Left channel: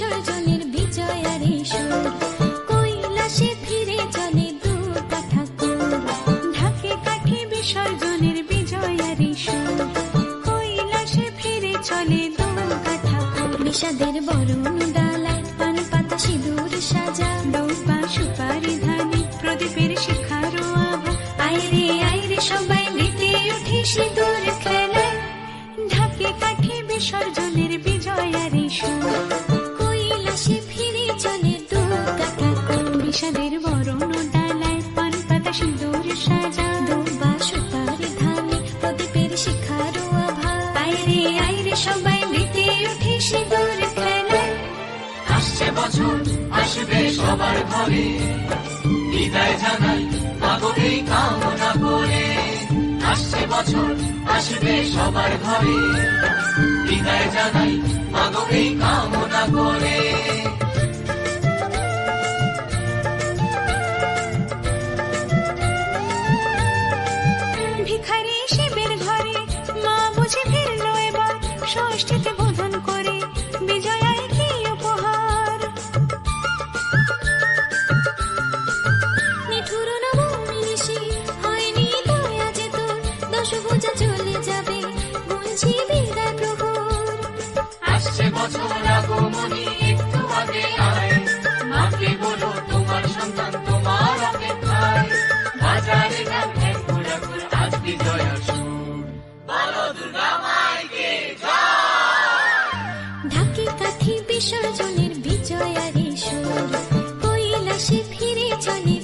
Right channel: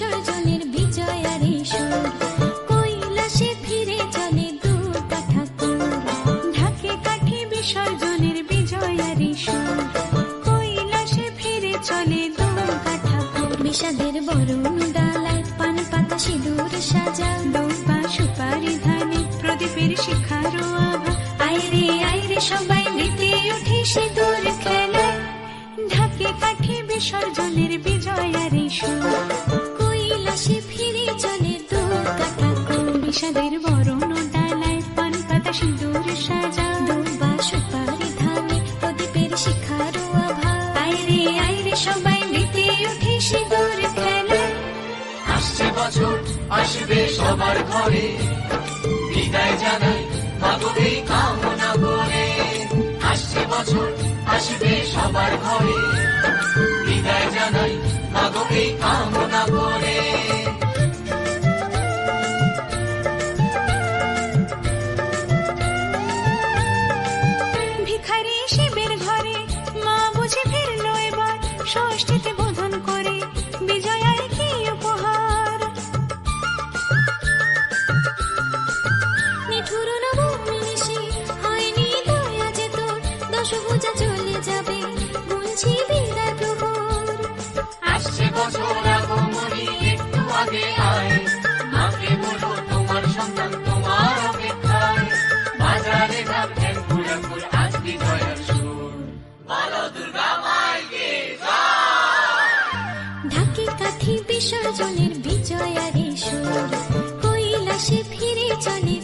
বিসর্জনের বিজয়ারি সুর, কৈলাসে ফিরে চলে দুর্গা ঠাকুর। ঢাকে কাঠি বিসর্জনের বিজয়ারি সুর, কৈলাসে ফিরে চলে দুর্গা ঠাকুর। বিষাদের বরণ ডালায় পান পাতা সিঁদুর সাজা, দৌবা সুপারি ধানে প্রদীপের শিখারো আভা। আইরে সবাই মেতে উঠে সিঁদুর খেলায়, ঢাকে কাঠি বিসর্জনের বিজয়ারি সুর, কৈলাসে ফিরে চলে দুর্গা ঠাকুর। বিষাদের বরণ ডালায় পান পাতা সিঁদুর সাজা, দৌবা সুপারি ধানে প্রদীপের শিখারো আভা। আইরে সবাই মেতে উঠে সিঁদুর খেলায়। আসছে বছর আসবে সবার ঘরে, বিদায় জানাই মাগো এই কামনা করে। আসছে বছর আসবে সবার ঘরে, বিদায় জানাই মাগো এই কামনা করে। ভিখারি শিবের ঘরে মা বুঝে ফিরলো এবার, ষষ্ঠীতে বোধন করে বিজয়ায় কি উপহার। নিঠুর নবমী নিশি হয়নি দয়া যে তোর, দশভুজা চলে যাবে গুনছি বিদায় প্রহর। আসছে বছর আগমনী একটু আগে আয়, মাকে বলো তোমার সন্তান তোমার অপেক্ষায়। বাজারে ধান ঠেকুর আজ বিজয়ার সুর, বলো দুর্গা মাইকে জয়। ঢাকে কাঠি বিসর্জনের বিজয়ারি সুর, কৈলাসে ফিরে চলে